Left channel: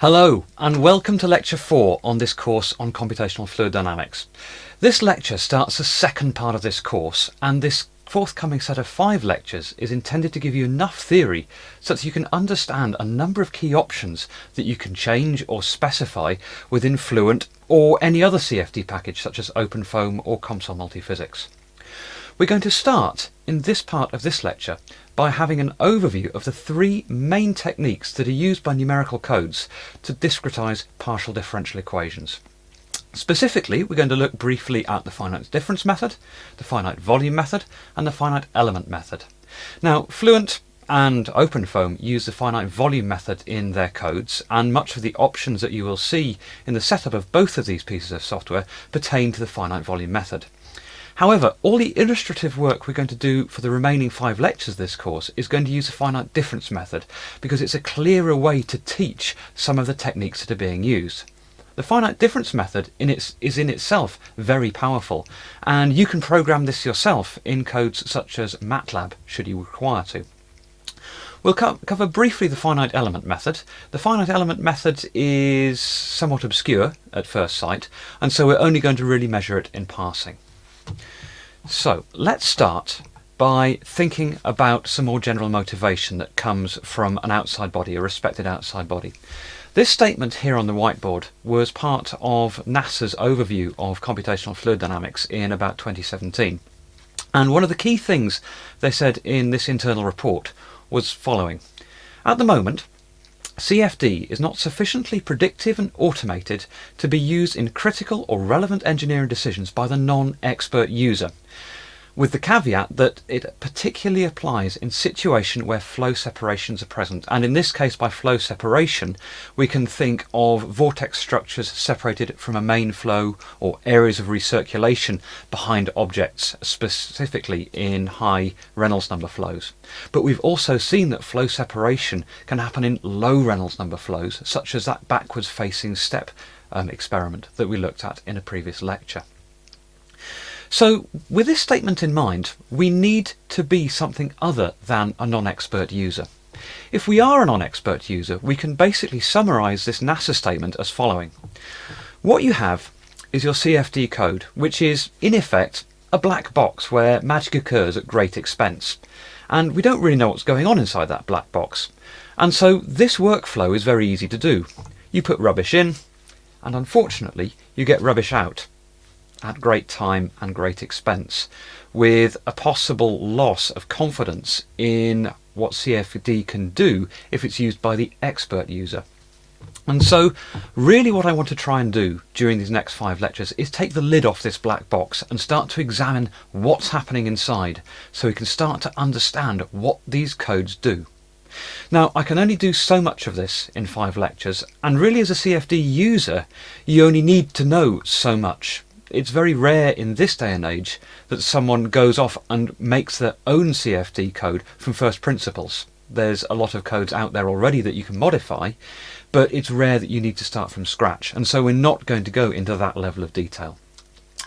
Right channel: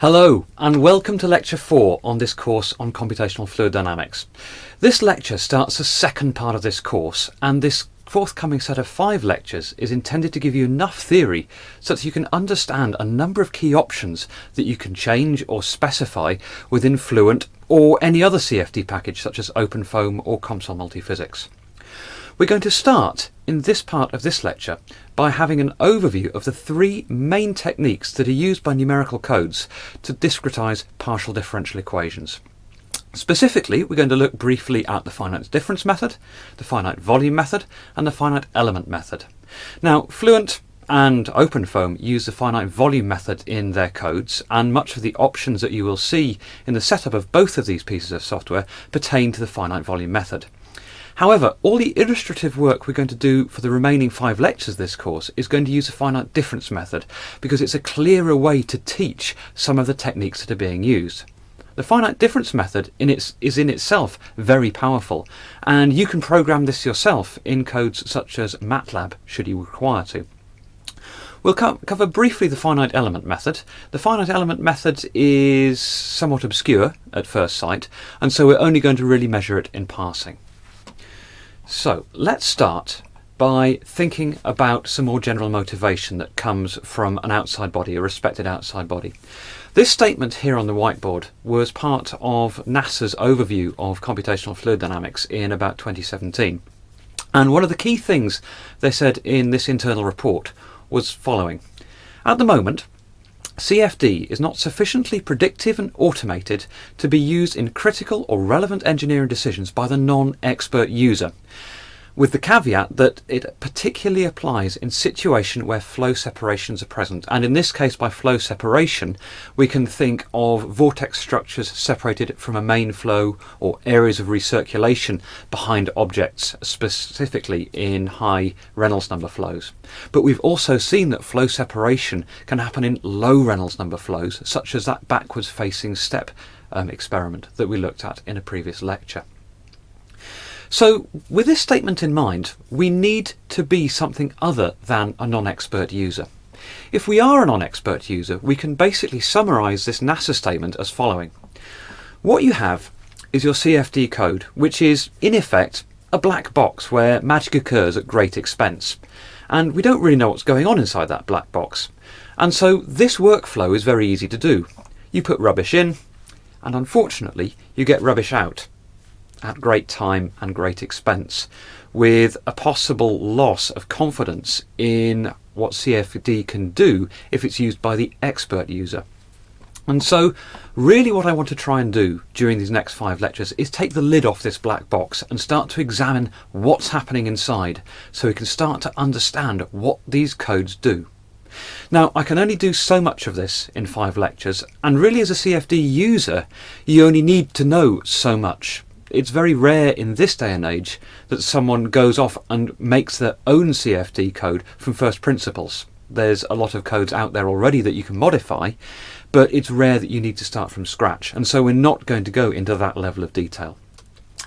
Hello and welcome to Lecture 4 on this course on Computational Fluid Dynamics. This lecture starts the second part of this course, and this forthcoming set of 5 lectures is intended to give you enough theory so that you can understand a number of key options that you can change or specify within Fluent or any other CFD package such as OpenFOAM or COMSOL Multiphysics. We're going to start in this part of this lecture by having an overview of the 3 main techniques that are used by numerical codes to discretize partial differential equations. Specifically, we're going to look briefly at the finite difference method, the finite volume method, and the finite element method. Now, Fluent and OpenFOAM use the finite volume method in their codes, and much of the options that you will see in the setup of both of these pieces of software pertain to the finite volume method. However, all the illustrative work we're going to do for the remaining 5 lectures of this course is going to use the finite difference method because it's a clearer way to teach some of the techniques that are being used. The finite difference method is in itself very powerful, and you can program this yourself in codes such as MATLAB should you require to. We'll cover briefly the finite element method. The finite element method is somewhat obscure at first sight, and so we're only going to really measure it in passing. So let's start by thinking about some more general motivation that comes from an outside body, a respected outside body. This statement here on the whiteboard was part of NASA's overview of computational fluid dynamics in about 2017. And one of the key things they said in this internal report was following. At the moment, CFD is not sufficiently predictive and automated to be used in critical or relevant engineering decisions by the non-expert user, with the caveat that it particularly applies in situations where flow separations are present. And in this case, by flow separation, we can think of vortex structures separated from a main flow or areas of recirculation behind objects, specifically in high Reynolds number flows. But we've also seen that flow separation can happen in low Reynolds number flows, such as that backwards facing step experiment that we looked at in a previous lecture. So with this statement in mind, we need to be something other than a non-expert user. If we are a non-expert user, we can basically summarize this NASA statement as following. What you have is your CFD code, which is in effect a black box where magic occurs at great expense. And we don't really know what's going on inside that black box. And so this workflow is very easy to do. You put rubbish in, and unfortunately you get rubbish out at great time and great expense, with a possible loss of confidence in what CFD can do if it's used by the expert user. And so really what I want to try and do during these next 5 lectures is take the lid off this black box and start to examine what's happening inside so we can start to understand what these codes do. Now, I can only do so much of this in 5 lectures, and really as a CFD user you only need to know so much. It's very rare in this day and age that someone goes off and makes their own CFD code from first principles. There's a lot of codes out there already that you can modify, but it's rare that you need to start from scratch, and so we're not going to go into that level of detail.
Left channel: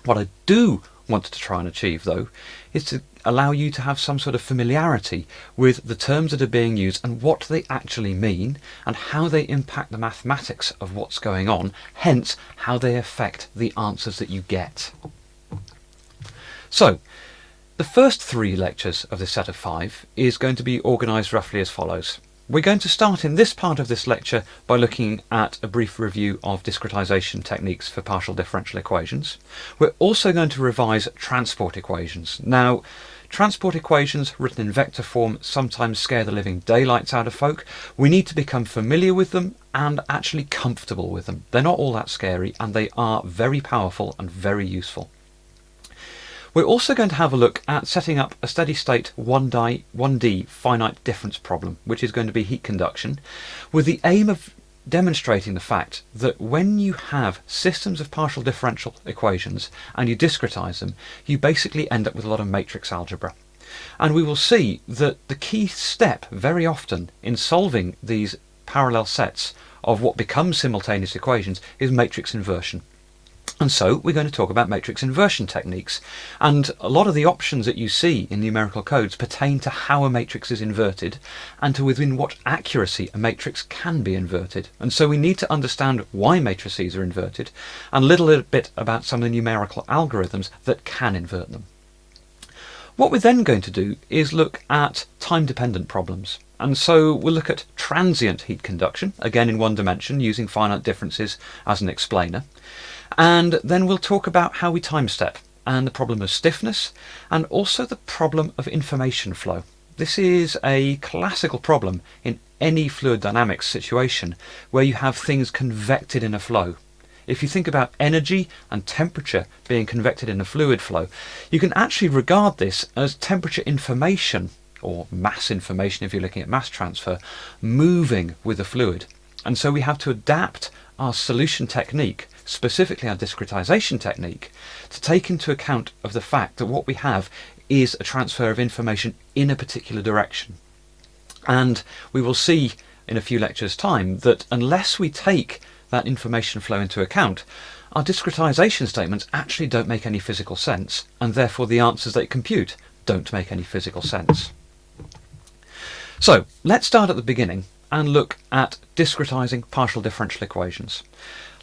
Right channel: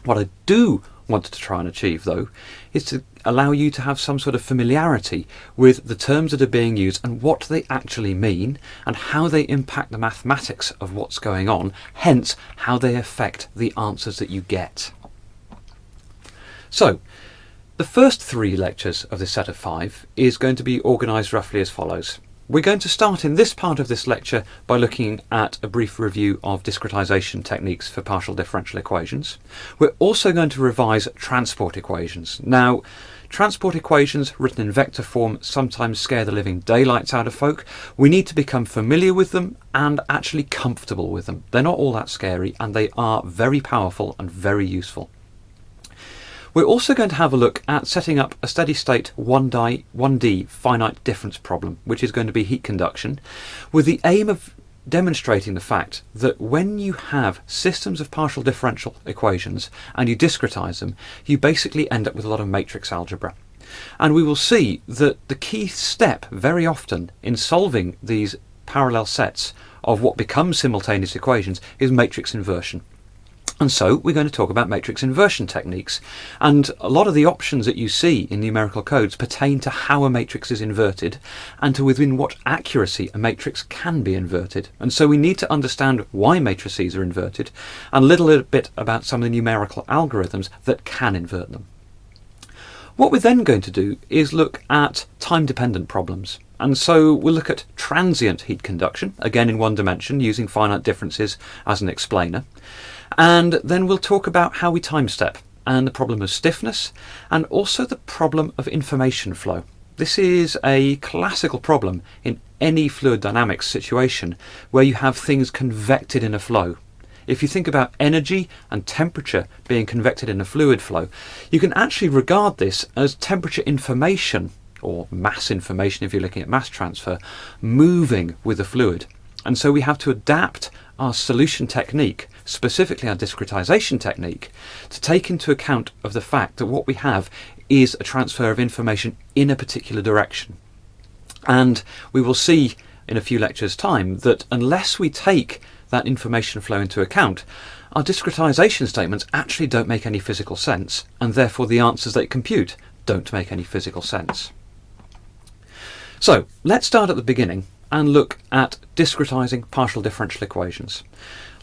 What I do want to try and achieve, though, is to allow you to have some sort of familiarity with the terms that are being used and what they actually mean and how they impact the mathematics of what's going on, hence how they affect the answers that you get. So, the first 3 lectures of this set of 5 is going to be organised roughly as follows. We're going to start in this part of this lecture by looking at a brief review of discretisation techniques for partial differential equations. We're also going to revise transport equations. Now, transport equations written in vector form sometimes scare the living daylights out of folk. We need to become familiar with them and actually comfortable with them. They're not all that scary, and they are very powerful and very useful. We're also going to have a look at setting up a steady state 1D finite difference problem, which is going to be heat conduction, with the aim of demonstrating the fact that when you have systems of partial differential equations and you discretize them, you basically end up with a lot of matrix algebra. And we will see that the key step very often in solving these parallel sets of what become simultaneous equations is matrix inversion. And so we're going to talk about matrix inversion techniques, and a lot of the options that you see in numerical codes pertain to how a matrix is inverted and to within what accuracy a matrix can be inverted. And so we need to understand why matrices are inverted and a little bit about some of the numerical algorithms that can invert them. What we're then going to do is look at time-dependent problems. And so we'll look at transient heat conduction, again in one dimension, using finite differences as an explainer. And then we'll talk about how we time step and the problem of stiffness and also the problem of information flow. This is a classical problem in any fluid dynamics situation where you have things convected in a flow. If you think about energy and temperature being convected in a fluid flow, you can actually regard this as temperature information, or mass information if you're looking at mass transfer, moving with the fluid. And so we have to adapt our solution technique, specifically our discretization technique, to take into account of the fact that what we have is a transfer of information in a particular direction. And we will see in a few lectures' time that unless we take that information flow into account, our discretization statements actually don't make any physical sense, and therefore the answers they compute don't make any physical sense. So let's start at the beginning and look at discretizing partial differential equations.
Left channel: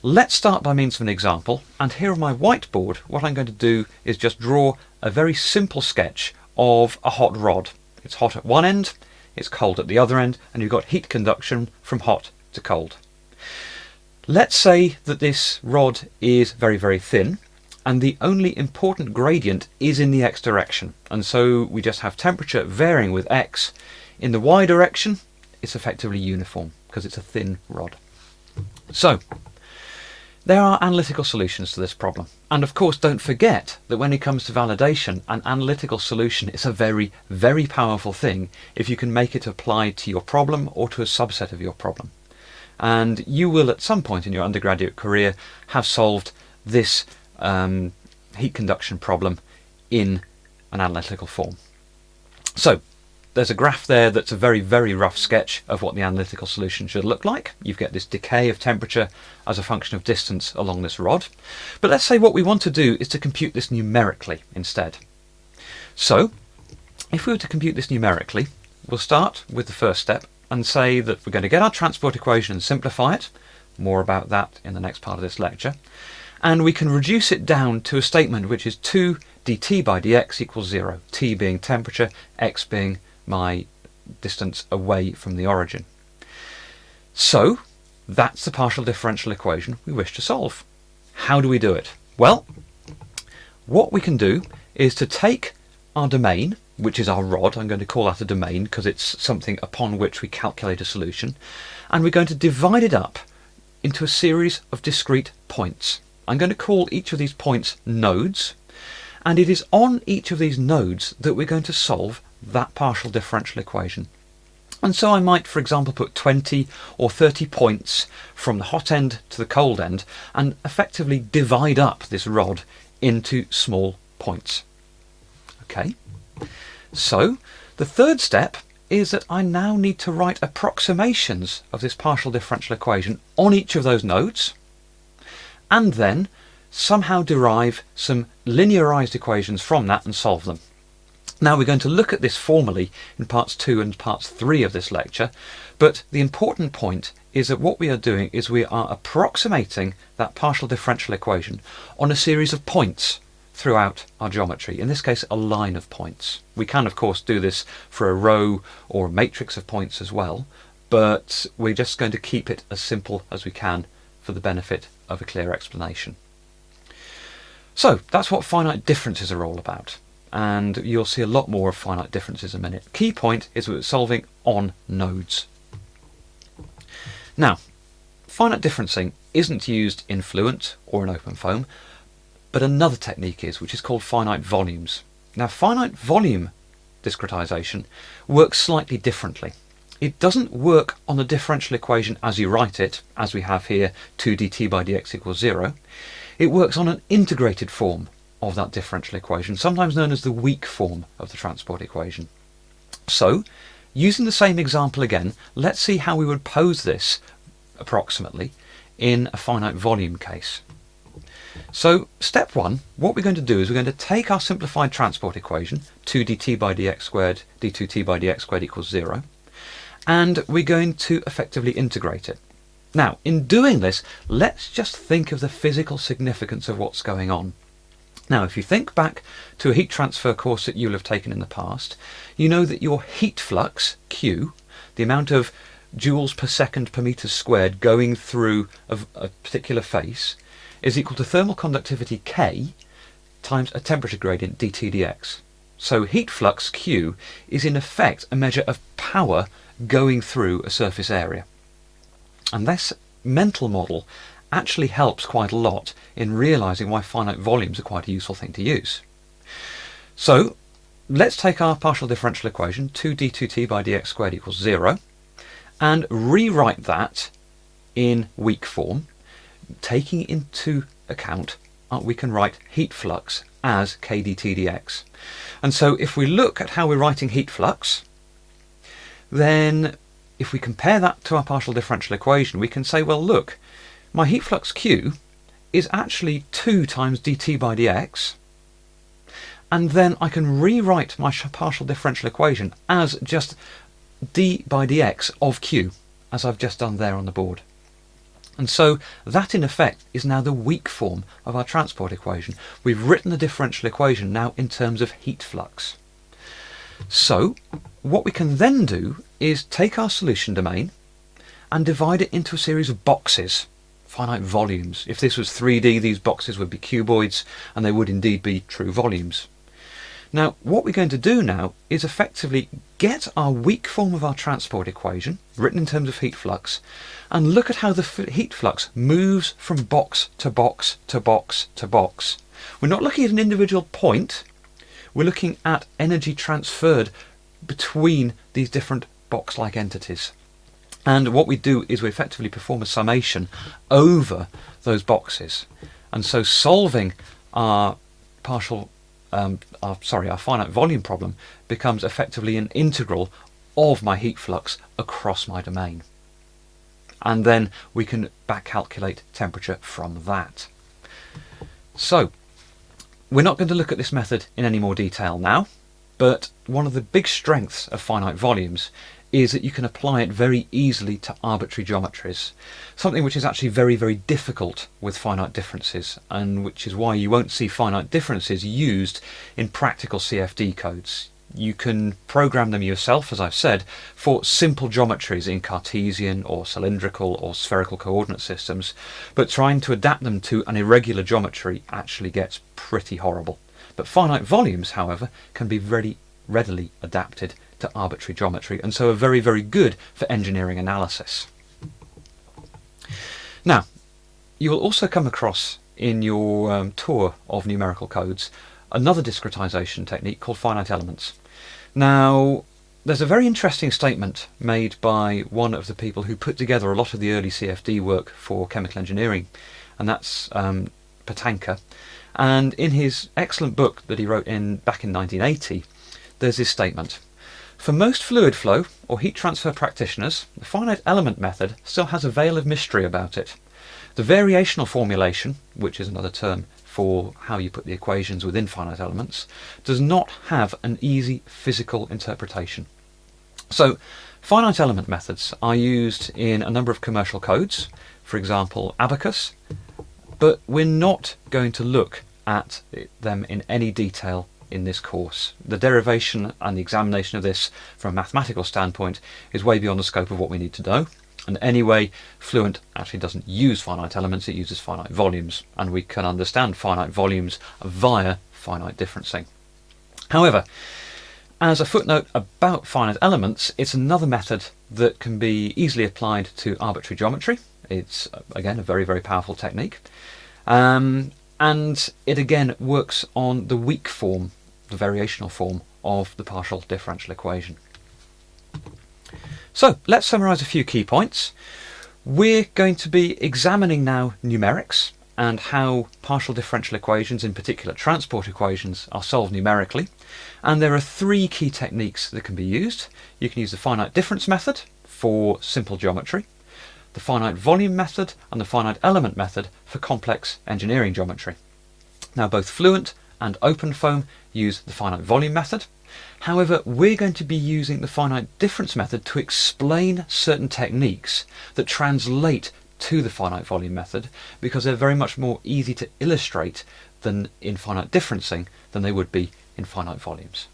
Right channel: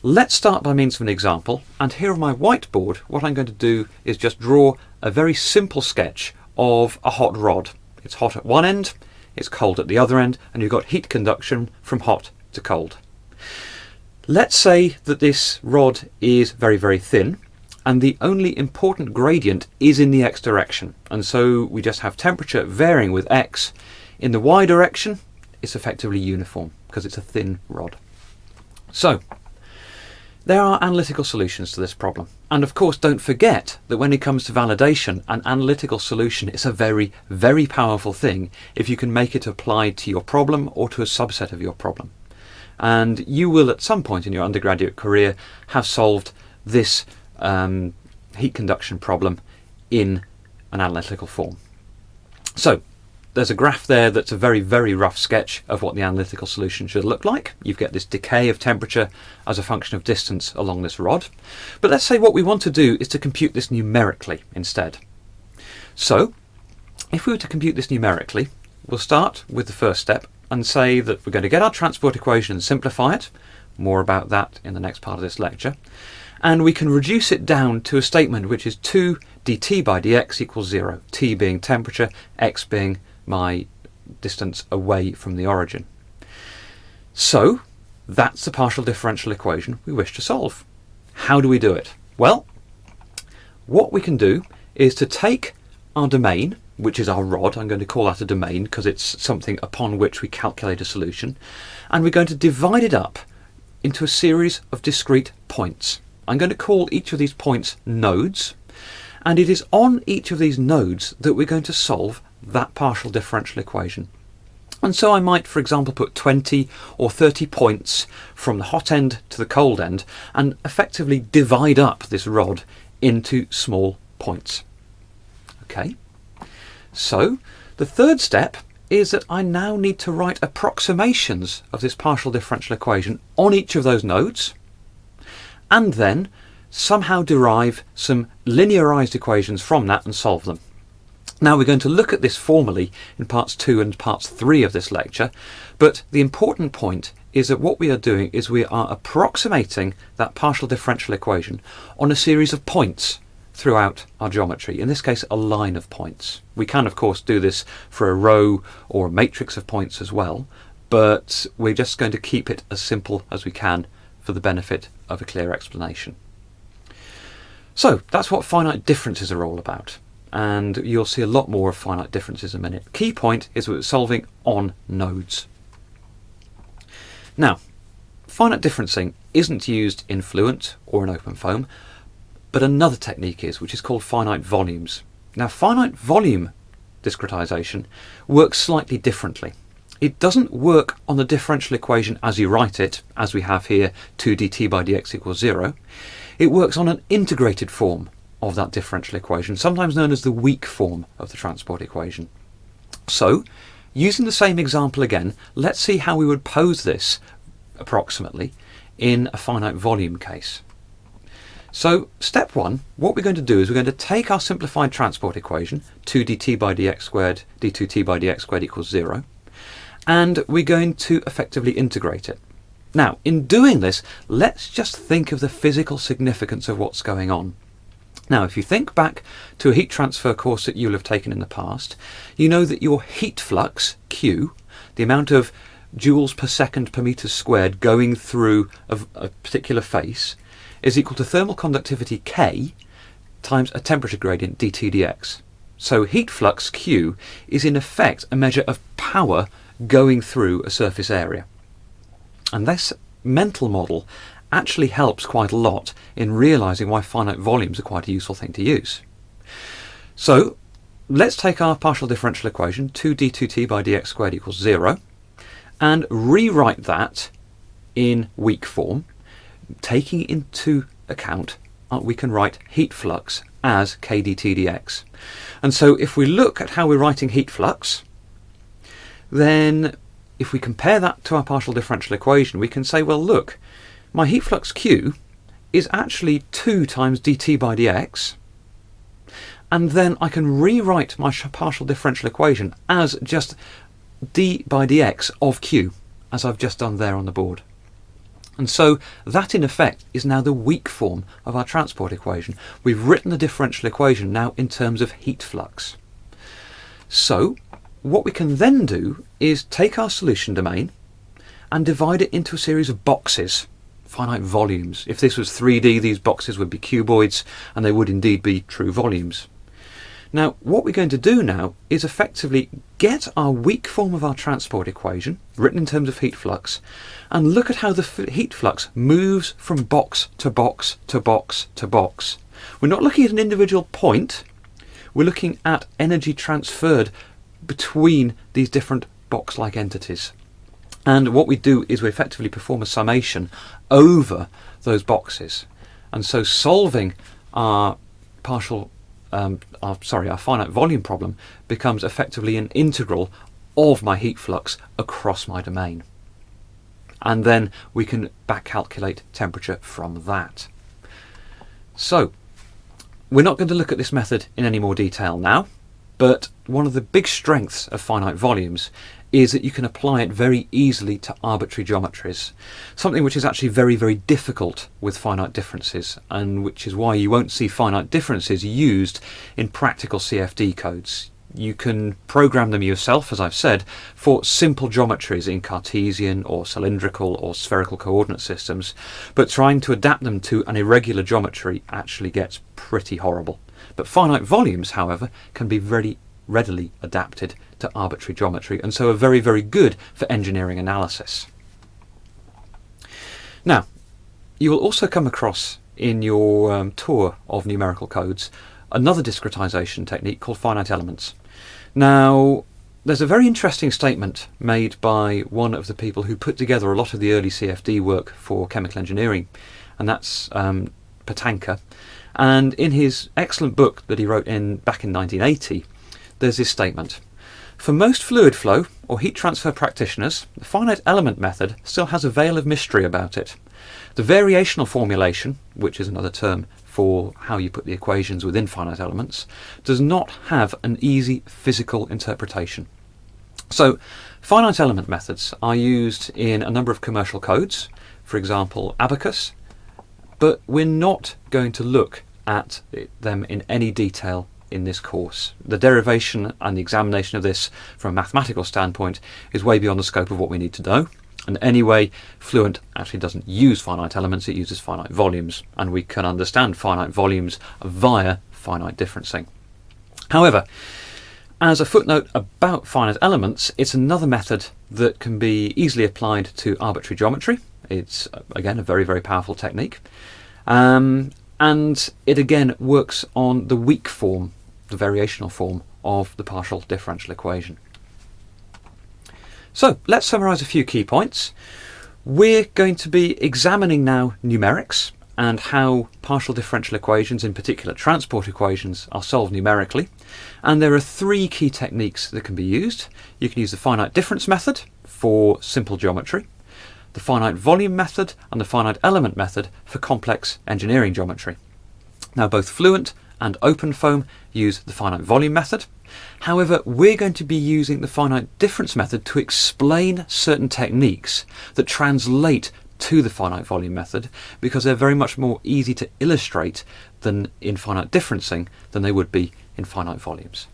Let's start by means of an example, and here on my whiteboard what I'm going to do is just draw a very simple sketch of a hot rod. It's hot at one end, it's cold at the other end, and you've got heat conduction from hot to cold. Let's say that this rod is very, very thin, and the only important gradient is in the x direction, and so we just have temperature varying with x. In the y direction, it's effectively uniform because it's a thin rod. So there are analytical solutions to this problem, and of course don't forget that when it comes to validation, an analytical solution is a very, very powerful thing if you can make it apply to your problem or to a subset of your problem. And you will at some point in your undergraduate career have solved this heat conduction problem in an analytical form. So there's a graph there that's a very, very rough sketch of what the analytical solution should look like. You get this decay of temperature as a function of distance along this rod. But let's say what we want to do is to compute this numerically instead. So if we were to compute this numerically, we'll start with the first step and say that we're going to get our transport equation and simplify it. More about that in the next part of this lecture. And we can reduce it down to a statement which is 2 dt by dx equals 0, t being temperature, x being my distance away from the origin. So that's the partial differential equation we wish to solve. How do we do it? Well, what we can do is to take our domain, which is our rod. I'm going to call that a domain because it's something upon which we calculate a solution, and we're going to divide it up into a series of discrete points. I'm going to call each of these points nodes, and it is on each of these nodes that we're going to solve that partial differential equation. And so I might, for example, put 20 or 30 points from the hot end to the cold end and effectively divide up this rod into small points. Okay, so the third step is that I now need to write approximations of this partial differential equation on each of those nodes, and then somehow derive some linearized equations from that and solve them. Now we're going to look at this formally in parts 2 and parts 3 of this lecture, but the important point is that what we are doing is we are approximating that partial differential equation on a series of points throughout our geometry, in this case a line of points. We can of course do this for a row or a matrix of points as well, but we're just going to keep it as simple as we can for the benefit of a clear explanation. So that's what finite differences are all about, and you'll see a lot more of finite differences in a minute. Key point is we're solving on nodes. Now, finite differencing isn't used in Fluent or in OpenFOAM, but another technique is, which is called finite volumes. Now, finite volume discretization works slightly differently. It doesn't work on the differential equation as you write it, as we have here, 2 dt by dx equals 0. It works on an integrated form of that differential equation, sometimes known as the weak form of the transport equation. So, using the same example again, let's see how we would pose this approximately in a finite volume case. So step one, what we're going to do is we're going to take our simplified transport equation, 2 dt by dx squared, d2t by dx squared equals 0, and we're going to effectively integrate it. Now, in doing this, let's just think of the physical significance of what's going on. Now, if you think back to a heat transfer course that you'll have taken in the past, you know that your heat flux, Q, the amount of joules per second per metre squared going through a particular face, is equal to thermal conductivity K times a temperature gradient dt dx. So heat flux Q is in effect a measure of power going through a surface area. And this mental model actually helps quite a lot in realising why finite volumes are quite a useful thing to use. So let's take our partial differential equation, 2 d2t by dx squared equals 0, and rewrite that in weak form. Taking into account, we can write heat flux as k dt dx. And so if we look at how we're writing heat flux, then if we compare that to our partial differential equation, we can say, well, look, my heat flux Q is actually 2 times dt by dx, and then I can rewrite my partial differential equation as just d by dx of Q, as I've just done there on the board. And so that in effect is now the weak form of our transport equation. We've written the differential equation now in terms of heat flux. So what we can then do is take our solution domain and divide it into a series of boxes, finite volumes. If this was 3D, these boxes would be cuboids, and they would indeed be true volumes. Now, what we're going to do now is effectively get our weak form of our transport equation, written in terms of heat flux, and look at how the heat flux moves from box to box to box to box. We're not looking at an individual point, we're looking at energy transferred between these different box-like entities. And what we do is we effectively perform a summation over those boxes. And so solving our our finite volume problem becomes effectively an integral of my heat flux across my domain. And then we can back calculate temperature from that. So we're not going to look at this method in any more detail now, but one of the big strengths of finite volumes is that you can apply it very easily to arbitrary geometries, something which is actually very, very difficult with finite differences, and which is why you won't see finite differences used in practical CFD codes. You can program them yourself, as I've said, for simple geometries in Cartesian or cylindrical or spherical coordinate systems, but trying to adapt them to an irregular geometry actually gets pretty horrible. But finite volumes, however, can be very readily adapted to arbitrary geometry, and so are very, very good for engineering analysis. Now, you will also come across in your tour of numerical codes another discretisation technique called finite elements. Now, there's a very interesting statement made by one of the people who put together a lot of the early CFD work for chemical engineering, and that's Patanka. And in his excellent book that he wrote back in 1980, there's this statement. For most fluid flow or heat transfer practitioners, the finite element method still has a veil of mystery about it. The variational formulation, which is another term for how you put the equations within finite elements, does not have an easy physical interpretation. So, finite element methods are used in a number of commercial codes, for example Abacus, but we're not going to look at them in any detail in this course. The derivation and the examination of this from a mathematical standpoint is way beyond the scope of what we need to know. And anyway, Fluent actually doesn't use finite elements, it uses finite volumes, and we can understand finite volumes via finite differencing. However, as a footnote about finite elements, it's another method that can be easily applied to arbitrary geometry. It's, again, a very, very powerful technique. And it again works on the weak form, the variational form of the partial differential equation. So let's summarise a few key points. We're going to be examining now numerics and how partial differential equations, in particular transport equations, are solved numerically. And there are three key techniques that can be used. You can use the finite difference method for simple geometry, the finite volume method and the finite element method for complex engineering geometry. Now both Fluent and OpenFOAM use the finite volume method. However, we're going to be using the finite difference method to explain certain techniques that translate to the finite volume method, because they're very much more easy to illustrate than in finite differencing than they would be in finite volumes.